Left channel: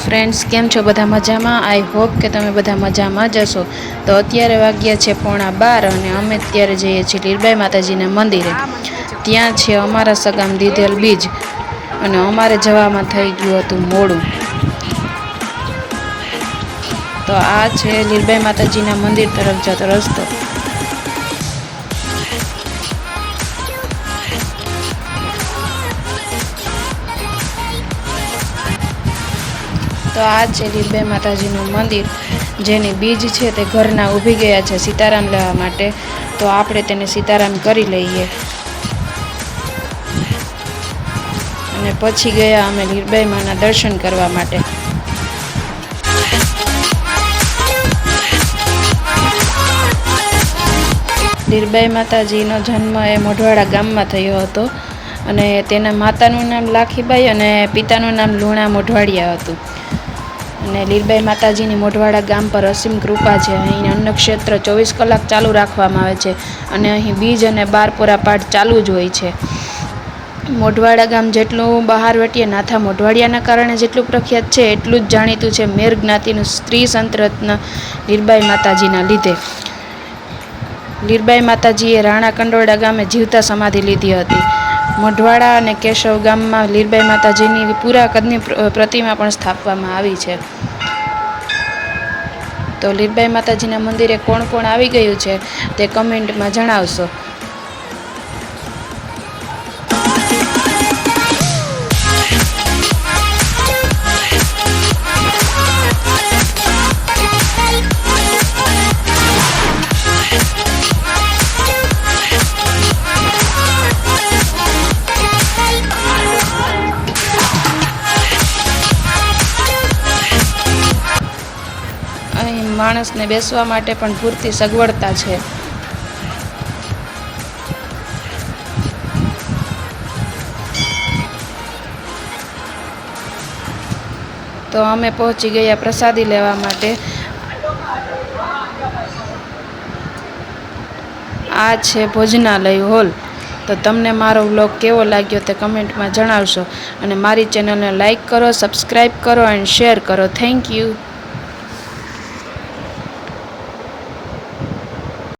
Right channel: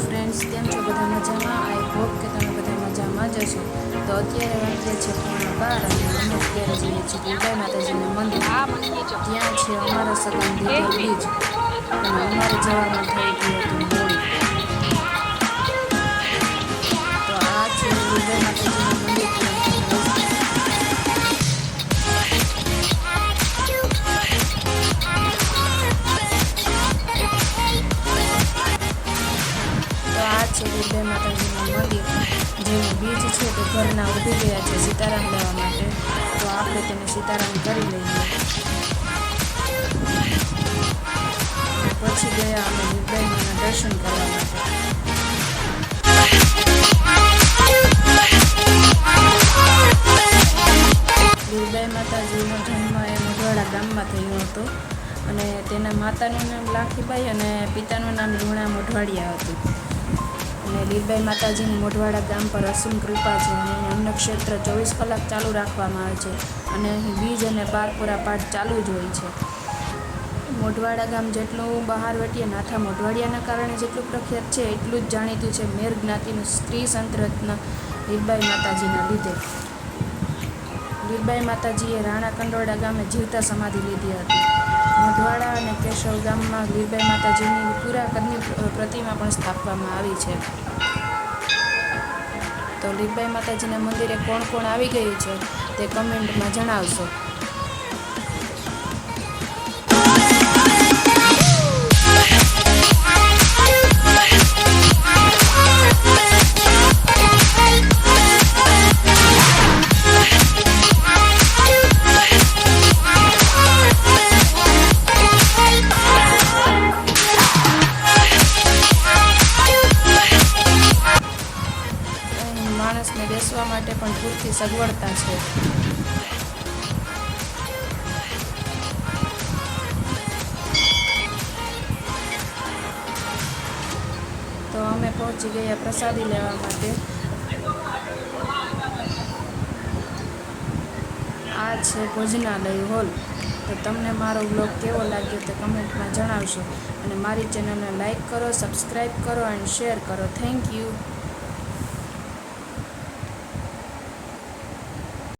Friends came छो बधा मजा में। आई होप के तमे बधा मजा में जशो। तो अत्यारे वाग्या छे 11:15 अने अमे त्यारे जईए छीए लीरबाई माताजीना मंदिरे। त्यां छे अमारा सगाम दीधेल बीज अने अमारे जवामां थई गयुं हतुं मोडुं। तो आ छे लीरबाई माताजीना मंदिर तरफ जतो रस्तो। तो आ छे लीरबाई माताजीनुं मंदिर जेनी बीज छे ते घरना ऊभी गया छे सीताराम लेवा माटे। तो आपणे तेने सीताराम करी लईए अने पछी गया अमे लीरबाई माना दर्शन करवा माटे। लीरबाई माताजीनो जन्म ए मोढवाड़ा गाममां थयो हतो अने तेना मातानुं नाम लाखीबाई अने पितानुं नाम लूणा मोढवाड़िया हतुं। अने लीरबाई माताजीनी मोढवाड़ा गाम पर असीम कृपा छे। अहीं अन्न क्षेत्र 24 कलाक चालू राखवामां आवे छे अने अहीं बीज अने बारपोरा पाठ चालू ज होय छे। मोढवाड़ा गाम जेटલું बहार वटीए नाथा मोढवाड़ियाना कारणे जेटલું प्रख्यात छे એટલું જ જાણીતું છે મેર જ્ઞાતિનું સ્ત્રી સંત રત્ન लीरबाई माताजीना લીધે। लीरबाई माताजीए राणा कंडोळा गामे जीवता समाधि लीधी हती। मोढवाड़ा अने केशव गाममां लीरबाई माताजीनी पूरा कदनी प्रतिमा पण स्थापवामां आवी छे। तो लीरबाई माताजीना मंदिरे कोण कोण आवी गयुं छे ते कमेंटमां जणावशो। माणसने बेसवा माटे पण पूरती सगवड़ता छे। तो अमे पहोंची गया प्रसादी लेवा माटे। आ छे भोजनालय हॉल। तो तमने मारो व्लॉग केवो लाग्यो ते कमेंट में जणावशो अने मारी चेनल ने लाइक करो, सब्सक्राइब करो एंड शेर करो। Thank you.